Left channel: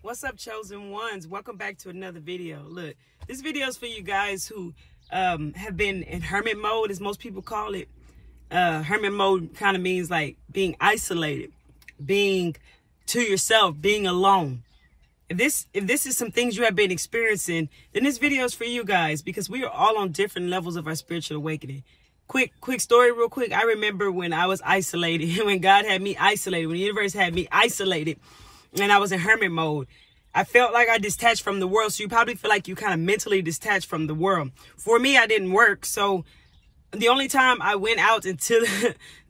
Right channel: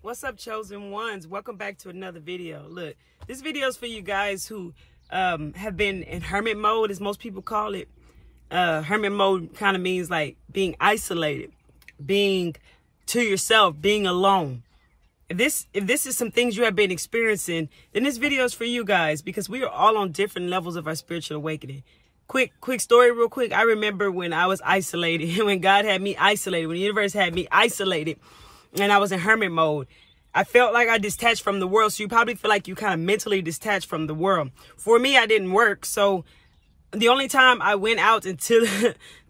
What's up, chosen ones? Welcome back to another video. Look, this video is for you guys who have been in hermit mode, as most people call it. Hermit mode kind of means like being isolated, being to yourself, being alone. If this is some things you have been experiencing, then this video is for you guys, because we are all on different levels of our spiritual awakening. Quick story real quick. I remember when I was isolated, when God had me isolated, when the universe had me isolated, and I was in hermit mode. I felt like I detached from the world. So you probably feel like you kind of mentally detached from the world. For me, I didn't work. So the only time I went out into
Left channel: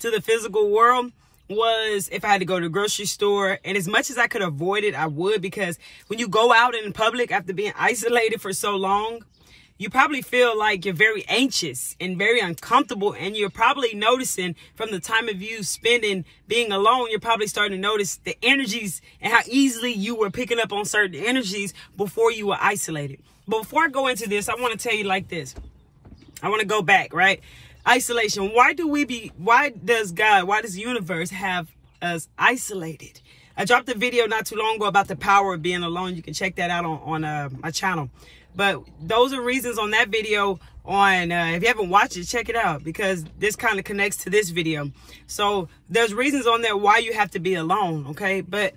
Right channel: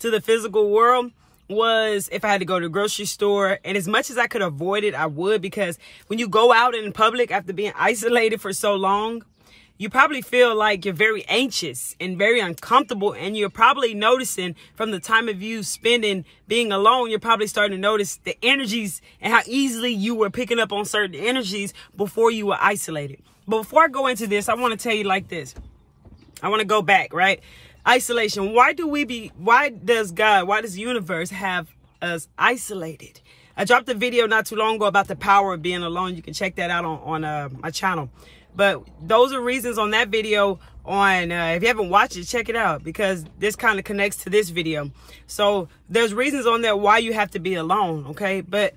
to the physical world was if I had to go to the grocery store. And as much as I could avoid it, I would, because when you go out in public after being isolated for so long, you probably feel like you're very anxious and very uncomfortable. And you're probably noticing from the time of you spending being alone, you're probably starting to notice the energies and how easily you were picking up on certain energies before you were isolated. But before I go into this, I want to tell you like this. I want to go back, right? Isolation. Why does the universe have us isolated? I dropped a video not too long ago about the power of being alone. You can check that out on my channel. But those are reasons on that video on, if you haven't watched it, check it out, because this kind of connects to this video. So there's reasons on there why you have to be alone, okay? But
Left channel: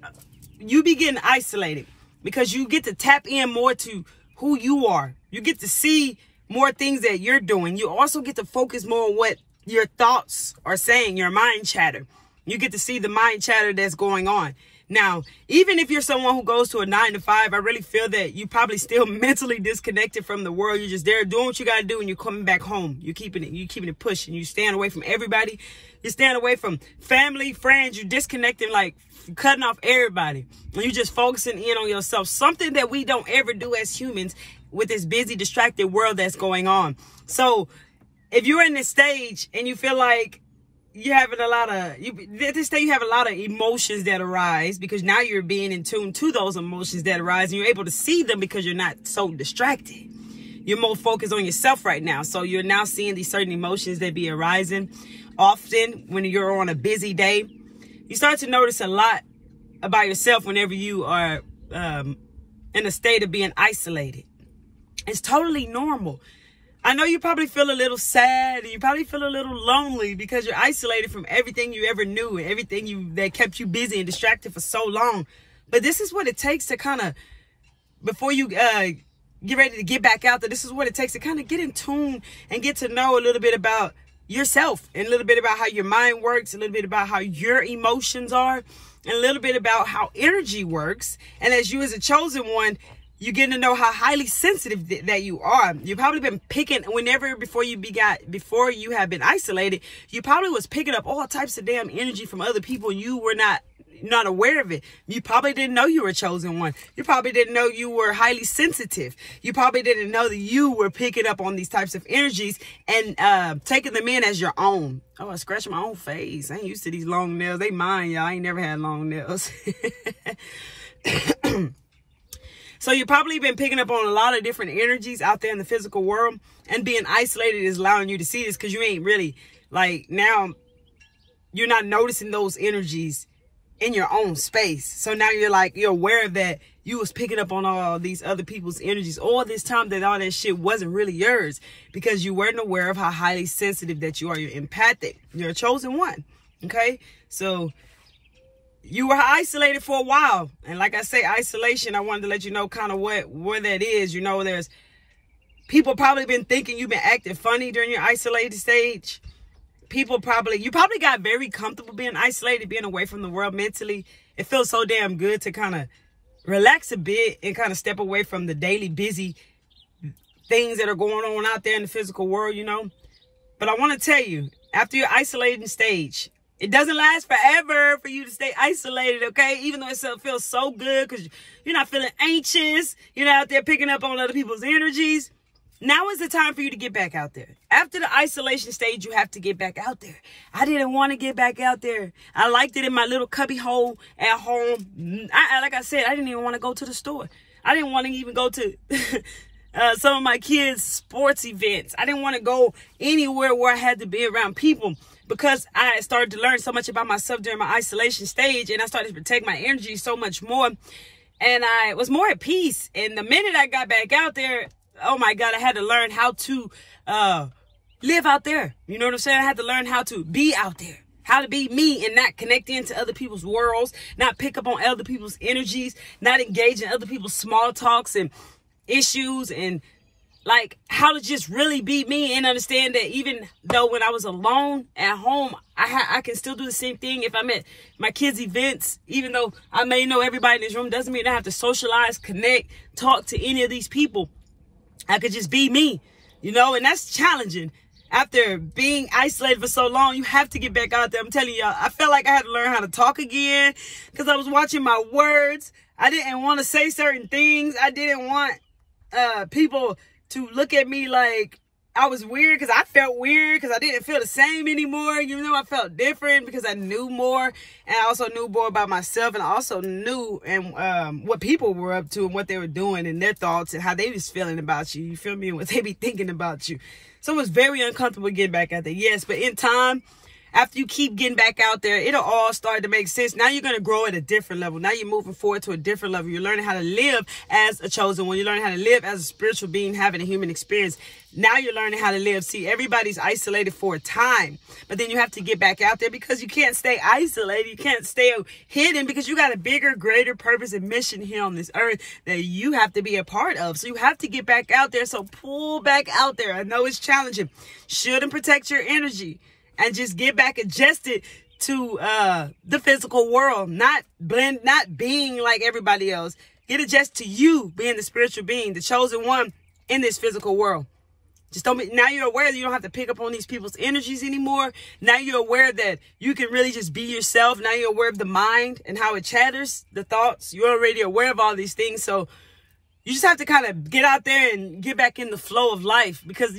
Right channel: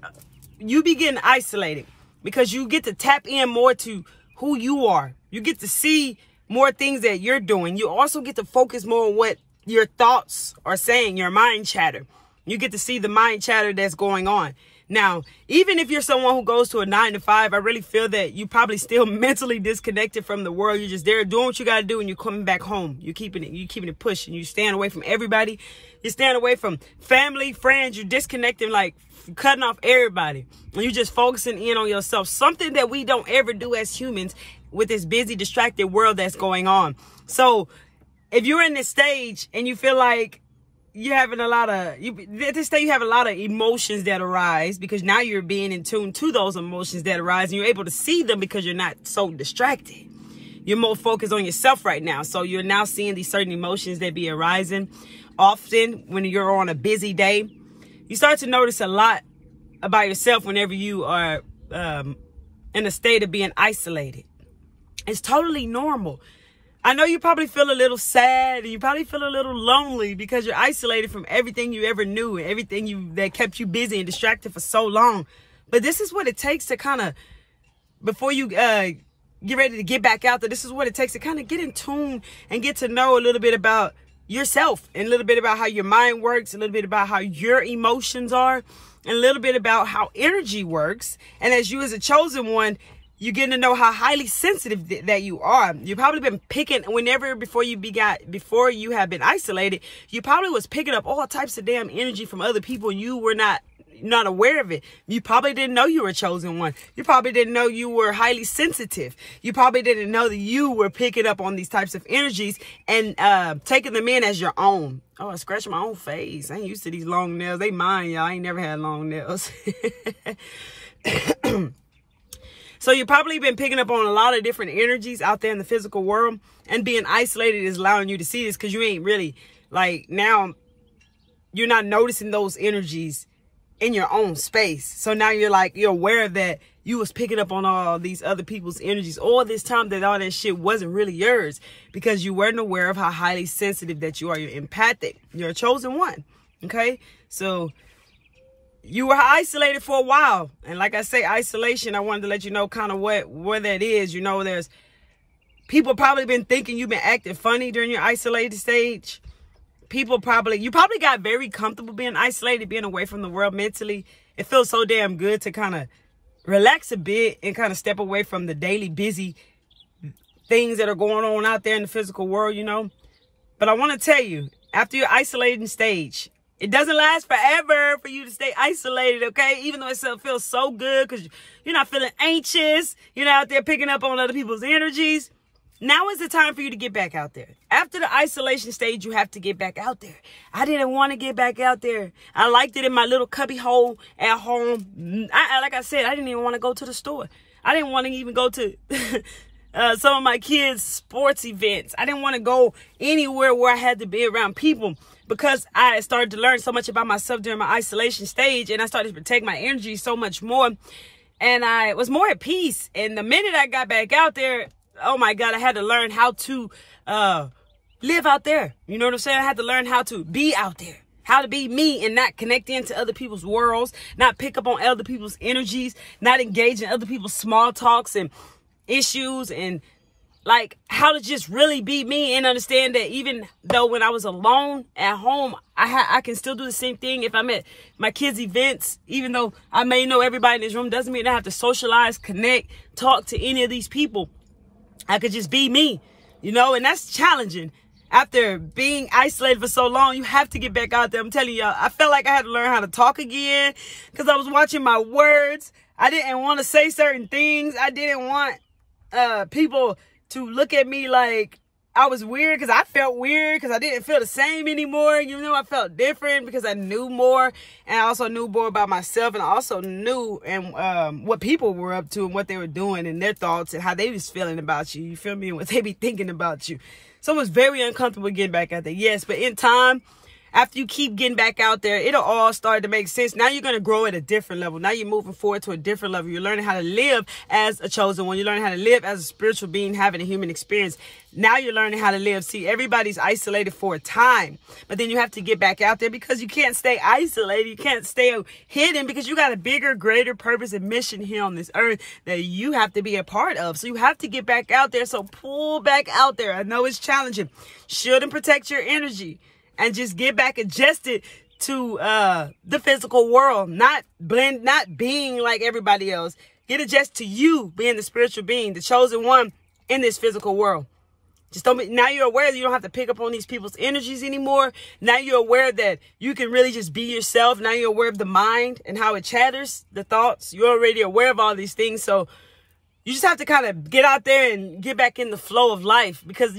you be getting isolated because you get to tap in more to who you are. You get to see more things that you're doing. You also get to focus more on what your thoughts are saying, your mind chatter. You get to see the mind chatter that's going on. Now, even if you're someone who goes to a 9 to 5, I really feel that you probably still mentally disconnected from the world. You're just there doing what you got to do, and you're coming back home. You're keeping it pushing. You're staying away from everybody. You're staying away from family, friends. You're disconnecting, like cutting off everybody. And you're just focusing in on yourself. Something that we don't ever do as humans with this busy, distracted world that's going on. So if you're in this stage and you feel like you're having a lot of, you have a lot of emotions that arise, because now you're being in tune to those emotions that arise, and you're able to see them because you're not so distracted. You're more focused on yourself right now. So you're now seeing these certain emotions that be arising. Often when you're on a busy day, you start to notice a lot about yourself whenever you are in a state of being isolated. It's totally normal. I know you probably feel a little sad, and you probably feel a little lonely because you're isolated from everything you ever knew and everything that kept you busy and distracted for so long. But this is what it takes to kind of, before you get ready to get back out there, this is what it takes to kind of get in tune and get to know a little bit about yourself, and a little bit about how your mind works, a little bit about how your emotions are, and a little bit about how energy works. And as you as a chosen one, you're getting to know how highly sensitive that you are. You've probably been picking, before you have been isolated, you probably was picking up all types of damn energy from other people, and you were not aware of it. You probably didn't know you were a chosen one. You probably didn't know you were highly sensitive. You probably didn't know that you were picking up on these types of energies and taking them in as your own. Oh, I scratched my own face. I ain't used to these long nails. They mine, y'all. I ain't never had long nails. So you've probably been picking up on a lot of different energies out there in the physical world, and being isolated is allowing you to see this, because you ain't really, like, now you're not noticing those energies in your own space. So now you're aware that you was picking up on all these other people's energies all this time, that all that shit wasn't really yours, because you weren't aware of how highly sensitive that you are. You're empathic. You're a chosen one. Okay. So you were isolated for a while. And like I say, isolation, I wanted to let you know kind of where that is. You know, there's people probably been thinking you've been acting funny during your isolated stage. You probably got very comfortable being isolated, being away from the world mentally. It feels so damn good to kind of relax a bit and kind of step away from the daily busy things that are going on out there in the physical world, you know. But I want to tell you, after your isolating stage, it doesn't last forever for you to stay isolated, okay? Even though it feels so good because you're not feeling anxious. You're not out there picking up on other people's energies. Now is the time for you to get back out there. After the isolation stage, you have to get back out there. I didn't want to get back out there. I liked it in my little cubby hole at home. Like I said, I didn't even want to go to the store. I didn't want to even go to some of my kids' sports events. I didn't want to go anywhere where I had to be around people, because I started to learn so much about myself during my isolation stage, and I started to protect my energy so much more. and I was more at peace. And the minute I got back out there, oh my God, I had to learn how to live out there. You know what I'm saying? I had to learn how to be out there, how to be me and not connect into other people's worlds, not pick up on other people's energies, not engage in other people's small talks and issues, and like how to just really be me and understand that even though when I was alone at home, I can still do the same thing if I'm at my kids' events. Even though I may know everybody in this room, doesn't mean I have to socialize, connect, talk to any of these people. I could just be me, you know, and that's challenging. After being isolated for so long, you have to get back out there. I'm telling y'all, I felt like I had to learn how to talk again because I was watching my words. I didn't want to say certain things. I didn't want people to look at me like I was weird, because I felt weird because I didn't feel the same anymore. You know, I felt different because I knew more, and I also knew more about myself, and I also knew what people were up to and what they were doing and their thoughts and how they was feeling about you. You feel me? And what they be thinking about you. So it was very uncomfortable getting back out there. Yes, but in time, after you keep getting back out there, it'll all start to make sense. Now you're going to grow at a different level. Now you're moving forward to a different level. You're learning how to live as a chosen one. You're learning how to live as a spiritual being, having a human experience. Now you're learning how to live. See, everybody's isolated for a time, but then you have to get back out there because you can't stay isolated. You can't stay hidden because you got a bigger, greater purpose and mission here on this earth that you have to be a part of. So you have to get back out there. So pull back out there. I know it's challenging. Shouldn't protect your energy. And just get back adjusted to the physical world, not being like everybody else. Get adjusted to you being the spiritual being, the chosen one in this physical world. Just don't be, now you're aware that you don't have to pick up on these people's energies anymore. Now you're aware that you can really just be yourself. Now you're aware of the mind and how it chatters, the thoughts. You're already aware of all these things. So you just have to kind of get out there and get back in the flow of life, because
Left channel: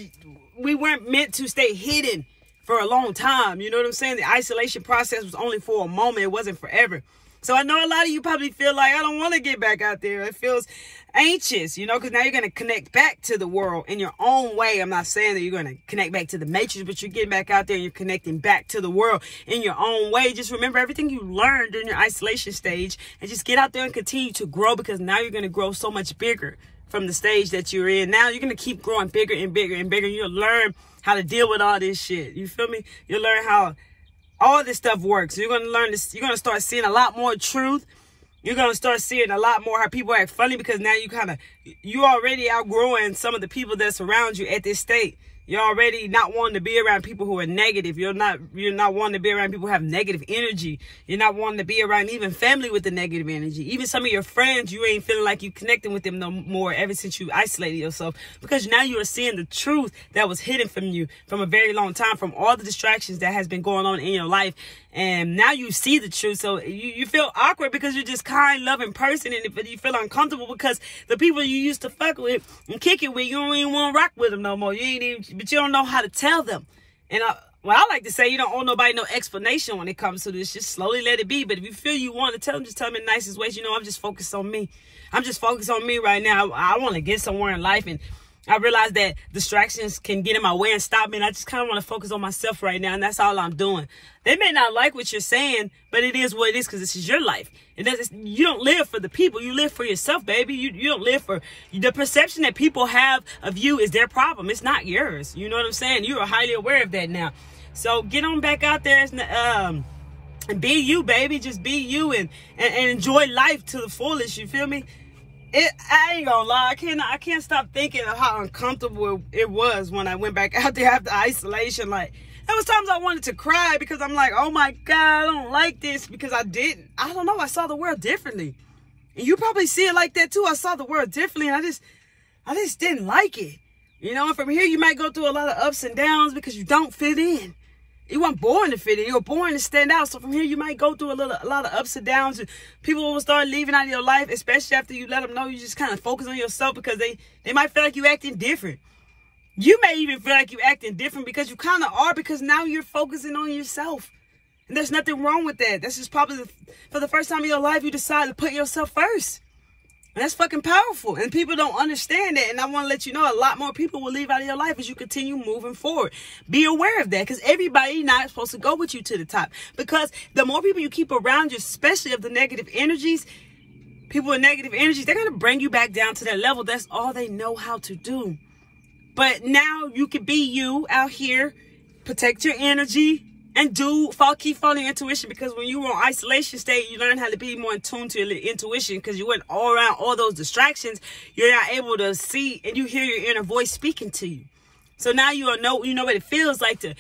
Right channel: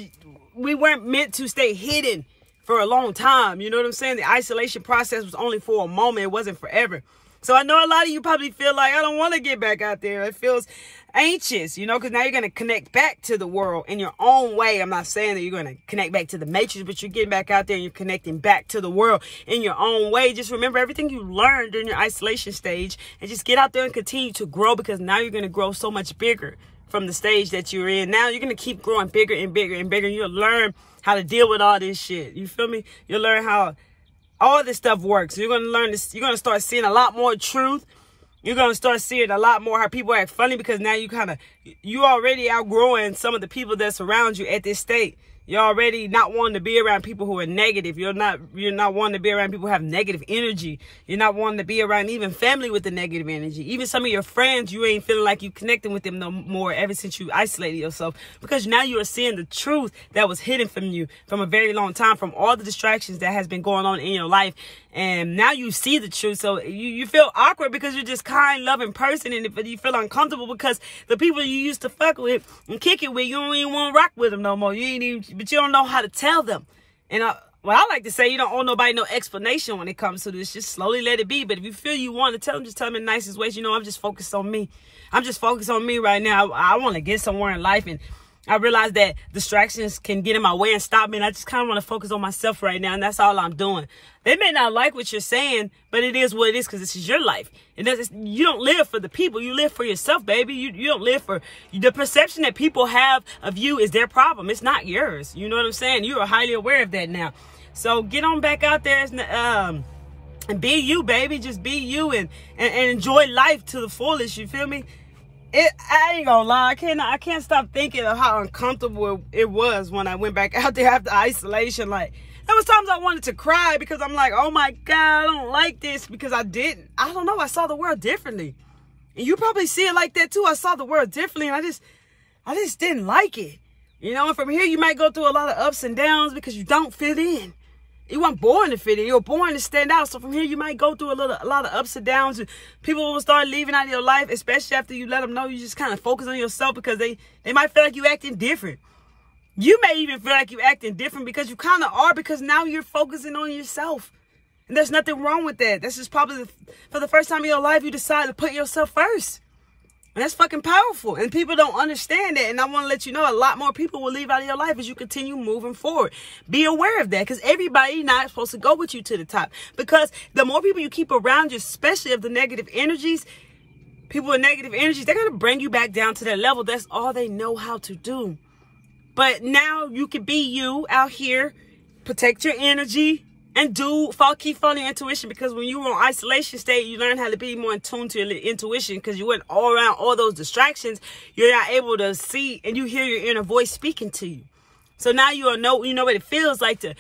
we weren't meant to stay hidden for a long time. You know what I'm saying? The isolation process was only for a moment. It wasn't forever. So I know a lot of you probably feel like, I don't want to get back out there. It feels anxious, you know, because now you're going to connect back to the world in your own way. I'm not saying that you're going to connect back to the matrix, but you're getting back out there and you're connecting back to the world in your own way. Just remember everything you learned during your isolation stage and just get out there and continue to grow, because now you're going to grow so much bigger from the stage that you're in. Now you're going to keep growing bigger and bigger and bigger. You'll learn how to deal with all this shit. You feel me? You'll learn how all this stuff works. You're going to learn this. You're going to start seeing a lot more truth. You're going to start seeing a lot more how people act funny, because now you already outgrowing some of the people that surround you at this state. You're already not wanting to be around people who are negative. You're not wanting to be around people who have negative energy. You're not wanting to be around even family with the negative energy. Even some of your friends, you ain't feeling like you connecting with them no more ever since you isolated yourself, because now you are seeing the truth that was hidden from you from a very long time, from all the distractions that has been going on in your life. And now you see the truth. So you feel awkward because you're just kind, loving person. And you feel uncomfortable because the people you used to fuck with and kick it with, you don't even want to rock with them no more. But you don't know how to tell them. And I like to say, you don't owe nobody no explanation when it comes to this. Just slowly let it be. But if you feel you want to tell them, just tell them in the nicest ways. You know, I'm just focused on me. I'm just focused on me right now. I want to get somewhere in life, and I realize that distractions can get in my way and stop me, and I just kind of want to focus on myself right now, and that's all I'm doing. They may not like what you're saying, but it is what it is, because this is your life. You don't live for the people. You live for yourself, baby. You don't live for... The perception that people have of you is their problem. It's not yours. You know what I'm saying? You are highly aware of that now. So get on back out there and be you, baby. Just be you and enjoy life to the fullest. You feel me? I ain't gonna lie, I can't stop thinking of how uncomfortable it was when I went back out there after isolation. Like, there was times I wanted to cry because I'm like, oh my God, I don't like this, because I don't know, I saw the world differently. And you probably see it like that too. I saw the world differently, and I just didn't like it. You know, and from here you might go through a lot of ups and downs because you don't fit in. You weren't born to fit in. You were born to stand out. So from here, you might go through a lot of ups and downs. And people will start leaving out of your life, especially after you let them know you just kind of focus on yourself, because they might feel like you acting different. You may even feel like you acting different because you kind of are, because now you're focusing on yourself. And there's nothing wrong with that. This is probably for the first time in your life, you decide to put yourself first. And that's fucking powerful. And people don't understand that. And I want to let you know, a lot more people will leave out of your life as you continue moving forward. Be aware of that, because everybody not supposed to go with you to the top. Because the more people you keep around you, especially of the negative energies, people with negative energies, they're going to bring you back down to that level. That's all they know how to do. But now you can be you out here, protect your energy, and keep following your intuition. Because when you were on isolation state, you learn how to be more in tune to your intuition, because you went all around all those distractions. You're not able to see, and you hear your inner voice speaking to you. So now you know what it feels like to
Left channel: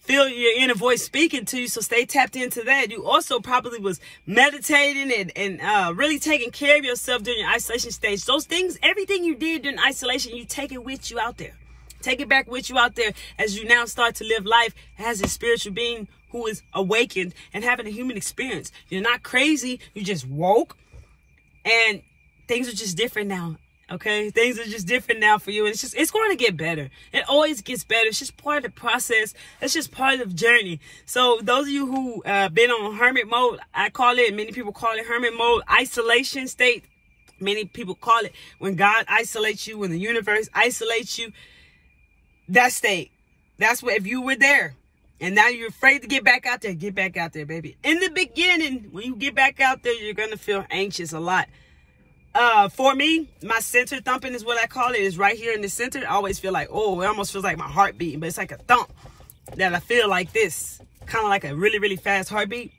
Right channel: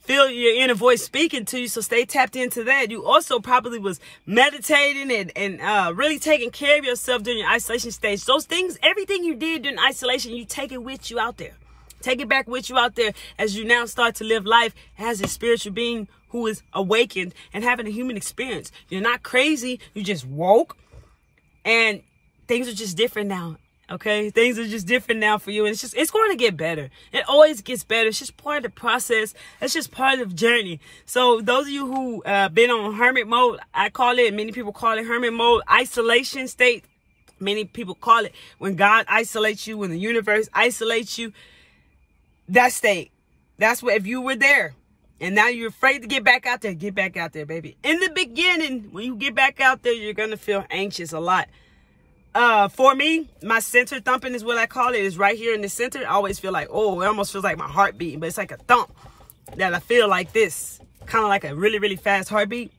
feel your inner voice speaking to you. So stay tapped into that. You also probably was meditating and really taking care of yourself during your isolation stage. Those things, everything you did during isolation, you take it with you out there. Take it back with you out there as you now start to live life as a spiritual being who is awakened and having a human experience. You're not crazy. You just woke, and things are just different now. Okay, things are just different now for you, and it's going to get better. It always gets better. It's just part of the process. It's just part of the journey. So those of you who been on hermit mode, I call it, many people call it hermit mode, isolation state. Many people call it when God isolates you, when the universe isolates you. That state. That's what, if you were there and now you're afraid to get back out there, baby. In the beginning, when you get back out there, you're going to feel anxious a lot. For me, my center thumping is what I call it, is right here in the center. I always feel like, oh, it almost feels like my heart beating, but it's like a thump that I feel like this, kind of like a really, really fast heartbeat.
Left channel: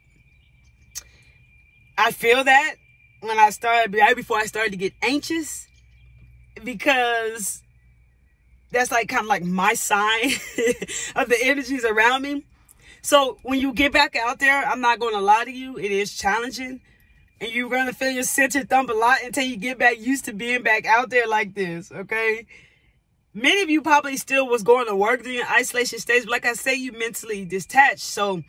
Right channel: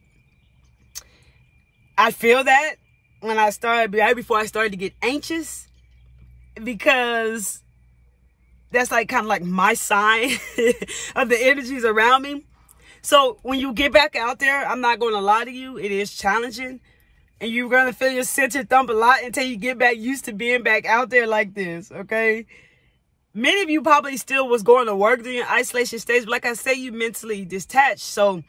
I feel that when I started, right before I started to get anxious, because that's like kind of like my sign of the energies around me. So when you get back out there, I'm not going to lie to you, it is challenging. And you're going to feel your center thump a lot until you get back used to being back out there like this, okay? Many of you probably still was going to work during your isolation stage. But like I say, you mentally detached. So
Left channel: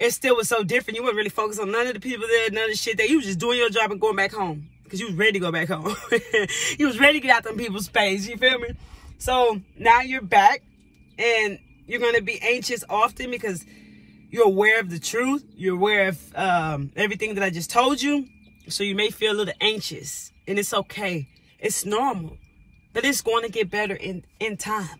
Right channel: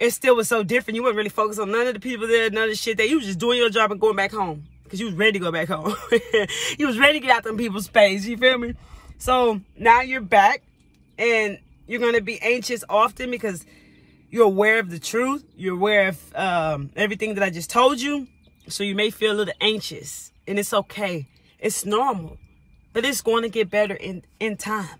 it still was so different. You weren't really focused on none of the people there, none of the shit there. You was just doing your job and going back home. Because you was ready to go back home. You was ready to get out them people's space. You feel me? So now you're back. And you're going to be anxious often because you're aware of the truth. You're aware of everything that I just told you. So you may feel a little anxious. And it's okay. It's normal. But it's going to get better in time.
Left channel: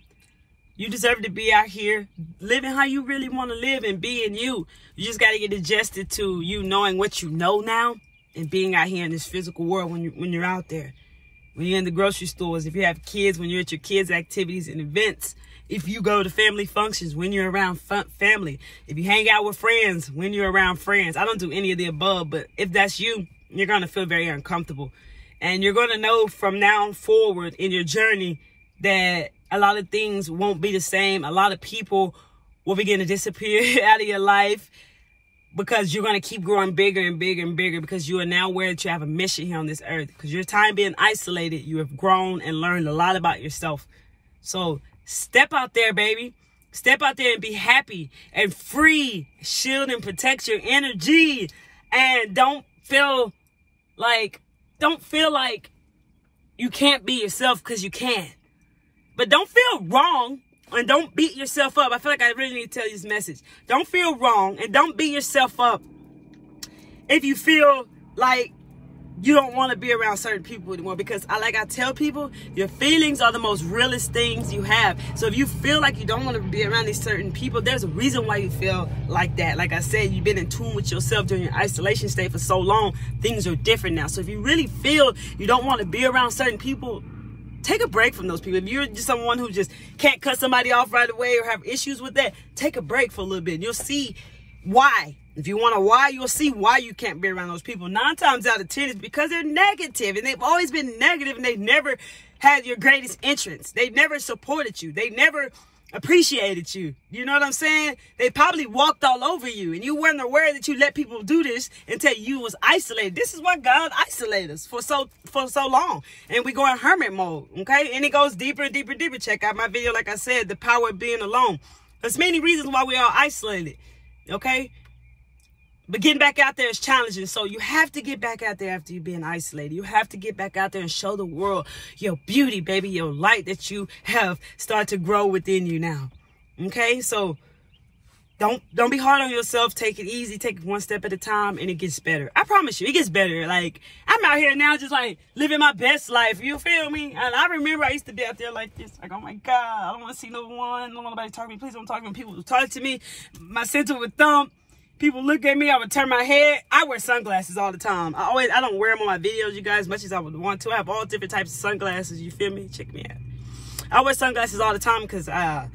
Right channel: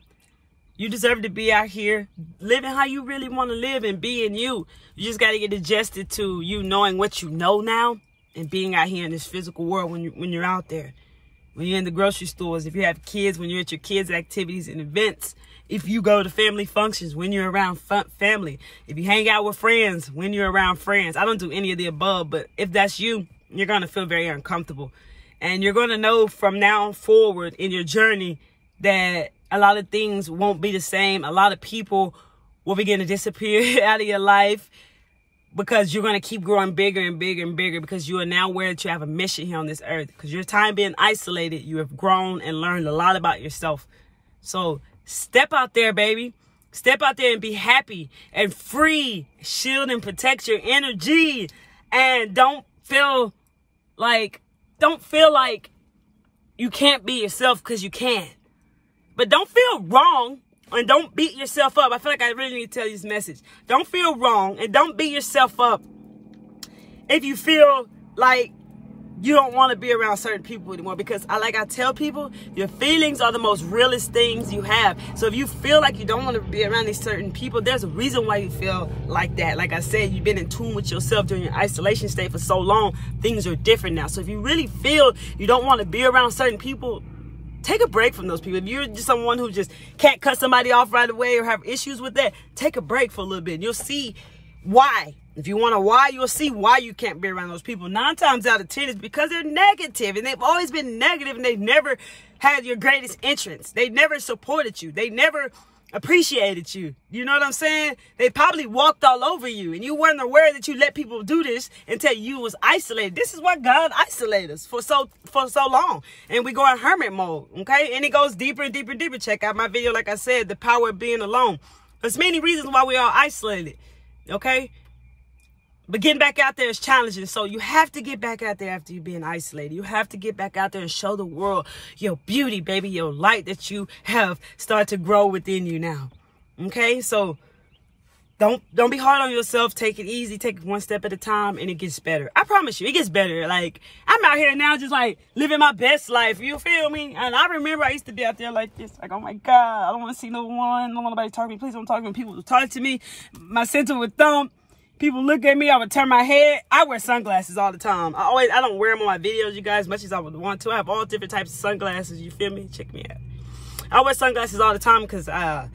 You deserve to be out here living how you really want to live and being you. You just got to get adjusted to you knowing what you know now and being out here in this physical world when you're out there. When you're in the grocery stores, if you have kids, when you're at your kids' activities and events. If you go to family functions, when you're around family. If you hang out with friends, when you're around friends. I don't do any of the above, but if that's you, you're going to feel very uncomfortable. And you're going to know from now forward in your journey that a lot of things won't be the same. A lot of people will begin to disappear out of your life because you're going to keep growing bigger and bigger and bigger, because you are now aware that you have a mission here on this earth. Because your time being isolated, you have grown and learned a lot about yourself. So step out there, baby. Step out there and be happy and free. Shield and protect your energy. And don't feel like you can't be yourself, because you can. But don't feel wrong and don't beat yourself up. I feel like I really need to tell you this message. Don't feel wrong and don't beat yourself up if you feel like you don't want to be around certain people anymore. Because like I tell people, your feelings are the most realest things you have. So if you feel like you don't want to be around these certain people, there's a reason why you feel like that. Like I said, you've been in tune with yourself during your isolation state for so long. Things are different now. So if you really feel you don't want to be around certain people, take a break from those people. If you're just someone who just can't cut somebody off right away or have issues with that, take a break for a little bit. And you'll see why. If you want to why, you'll see why you can't be around those people. 9 times out of 10 is because they're negative, and they've always been negative, and they've never had your greatest interests. They never supported you. They never appreciated you. You know what I'm saying? They probably walked all over you, and you weren't aware that you let people do this until you was isolated. This is what God isolated us for so long. And we go in hermit mode, okay? And it goes deeper and deeper and deeper. Check out my video, like I said, the power of being alone. There's many reasons why we are isolated, okay? But getting back out there is challenging. So you have to get back out there after you've been isolated. You have to get back out there and show the world your beauty, baby, your light that you have started to grow within you now. Okay? So don't be hard on yourself. Take it easy. Take it one step at a time, and it gets better. I promise you, it gets better. Like, I'm out here now just like living my best life. You feel me? And I remember I used to be out there like this. Like, oh my God, I don't want to see no one. I don't want nobody to talk to me. Please don't talk to me. People will talk to me. My center would thump. People look at me, I would turn my head. I wear sunglasses all the time. I don't wear them on my videos, you guys, as much as I would want to. I have all different types of sunglasses, you feel me? Check me out. I wear sunglasses all the time because I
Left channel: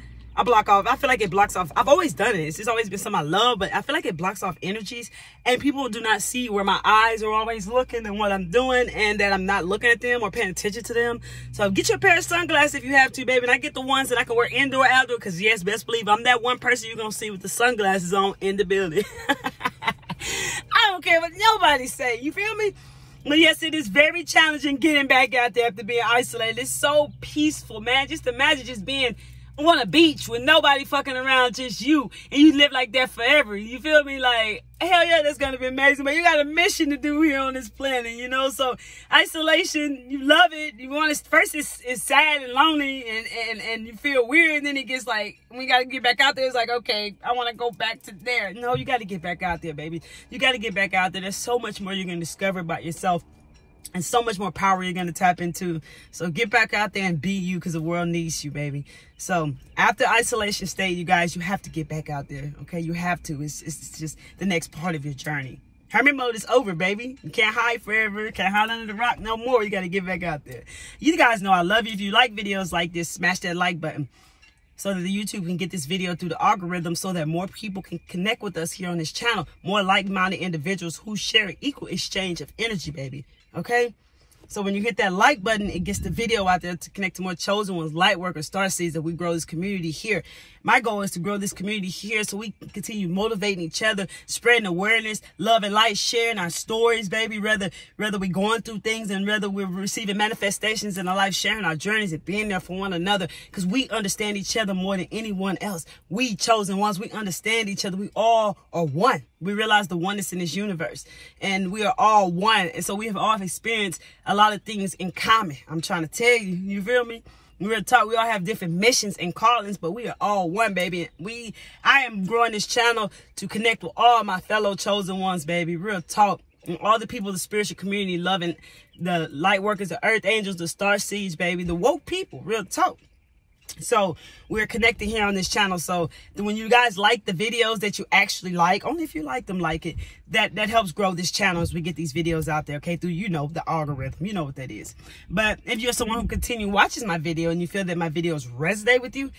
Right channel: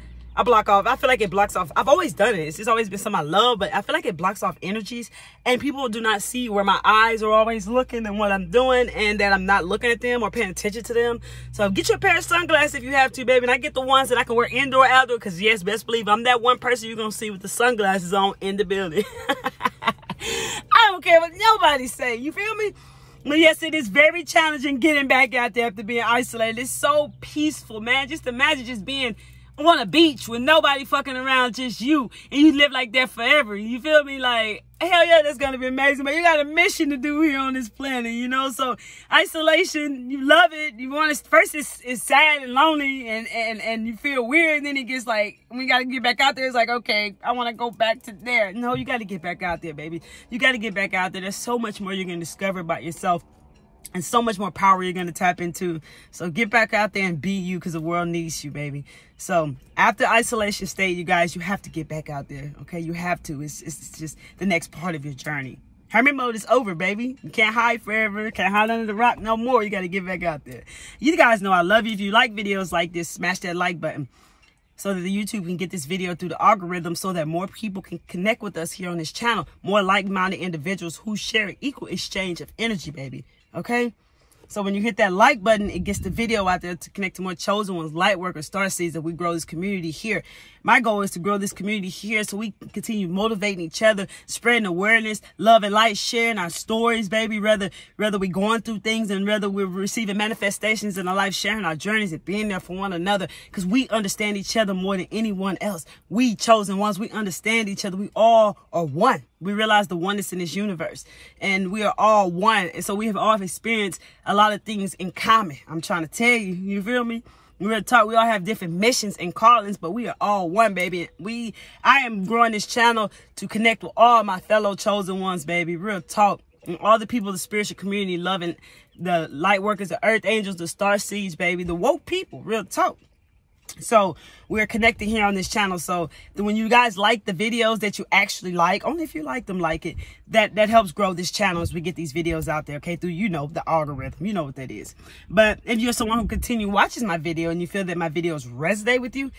block off. I feel like it blocks off. I've always done it. It's just always been something I love, but I feel like it blocks off energies. And people do not see where my eyes are always looking and what I'm doing, and that I'm not looking at them or paying attention to them. So get you a pair of sunglasses if you have to, baby. And I get the ones that I can wear indoor, outdoor, because yes, best believe I'm that one person you're going to see with the sunglasses on in the building. I don't care what nobody say. You feel me? But yes, it is very challenging getting back out there after being isolated. It's so peaceful, man. Just imagine just being on a beach with nobody fucking around, just you, and you live like that forever. You feel me? Like, hell yeah, that's gonna be amazing. But you got a mission to do here on this planet, you know? So isolation, you love it. You want to, first it's sad and lonely and you feel weird, and then it gets like, when you gotta get back out there, it's like, okay, I want to go back to there. No, you got to get back out there, baby. You got to get back out there. There's so much more you're gonna discover about yourself, and so much more power you're going to tap into. So get back out there and be you, because the world needs you, baby. So after isolation state, you guys, you have to get back out there. Okay, you have to. It's just the next part of your journey. Hermit mode is over, baby. You can't hide forever. Can't hide under the rock no more. You got to get back out there. You guys know I love you. If you like videos like this, smash that like button so that the YouTube can get this video through the algorithm, so that more people can connect with us here on this channel. More like-minded individuals who share an equal exchange of energy, baby. Okay, so when you hit that like button, it gets the video out there to connect to more chosen ones, light workers, starseeds, that we grow this community here. My goal is to grow this community here so we can continue motivating each other, spreading awareness, love and light, sharing our stories, baby. Whether we're going through things and whether we're receiving manifestations in our life, sharing our journeys and being there for one another, because we understand each other more than anyone else. We chosen ones, we understand each other. We all are one. We realize the oneness in this universe, and we are all one. And so we have all experienced a lot of things in common. I'm trying to tell you, you feel me? We're taught we all have different missions and callings, but we are all one, baby. I am growing this channel to connect with all my fellow chosen ones, baby. Real talk. And all the people of the spiritual community, loving the light workers, the earth angels, the star seeds, baby, the woke people. Real talk. So we're connecting here on this channel. So when you guys like the videos that you actually like, only if you like them, like it, that helps grow this channel as we get these videos out there, okay, through, you know, the algorithm. You know what that is. But if you're someone who continue watches my video and you feel that my videos resonate with you,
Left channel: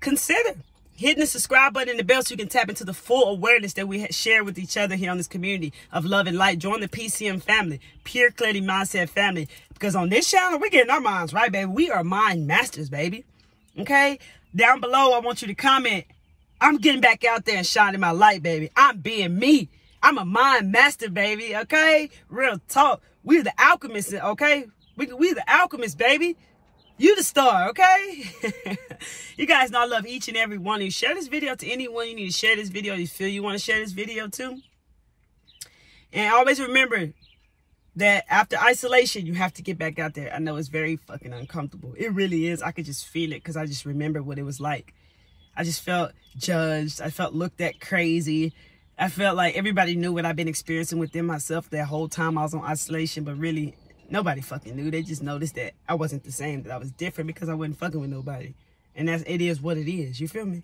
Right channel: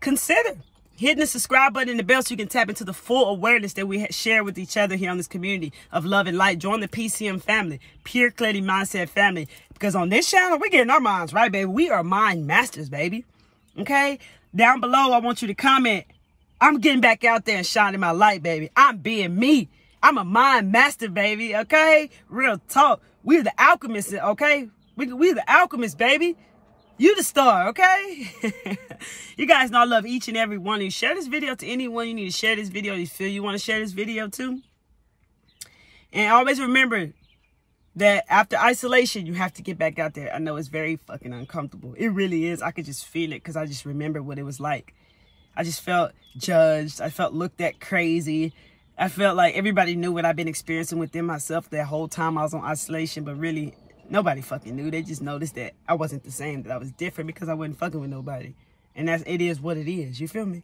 consider hitting the subscribe button and the bell so you can tap into the full awareness that we share with each other here on this community of love and light. Join the PCM family, Pure Clarity Mindset family, because on this channel, we're getting our minds right, baby. We are mind masters, baby. Okay, down below, I want you to comment, I'm getting back out there and shining my light, baby. I'm being me. I'm a mind master, baby. Okay, real talk. We're the alchemists, okay? We're the alchemists, baby. You the star, okay? You guys know I love each and every one of you. Share this video to anyone you need to share this video. You feel you want to share this video to. And always remember that after isolation, you have to get back out there. I know it's very fucking uncomfortable. It really is. I could just feel it because I just remember what it was like. I just felt judged. I felt looked at crazy. I felt like everybody knew what I've been experiencing within myself that whole time I was on isolation, but really nobody fucking knew. They just noticed that I wasn't the same, that I was different because I wasn't fucking with nobody. And it is what it is. You feel me?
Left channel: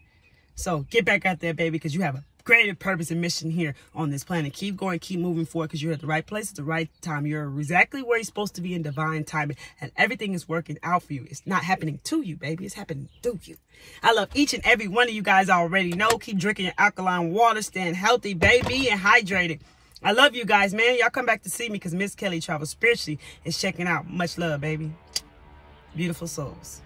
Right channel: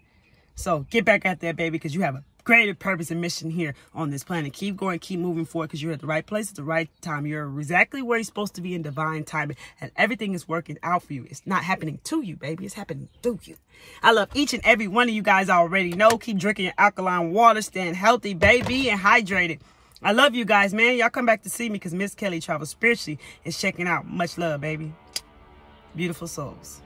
So get back out there, baby, because you have a greater purpose and mission here on this planet. Keep going, keep moving forward, because you're at the right place at the right time. You're exactly where you're supposed to be in divine timing, and everything is working out for you. It's not happening to you, baby. It's happening through you. I love each and every one of you guys. I already know. Keep drinking your alkaline water, staying healthy, baby, and hydrated. I love you guys, man. Y'all come back to see me because Miss Kelly Travels Spiritually is checking out. Much love, baby. Beautiful souls.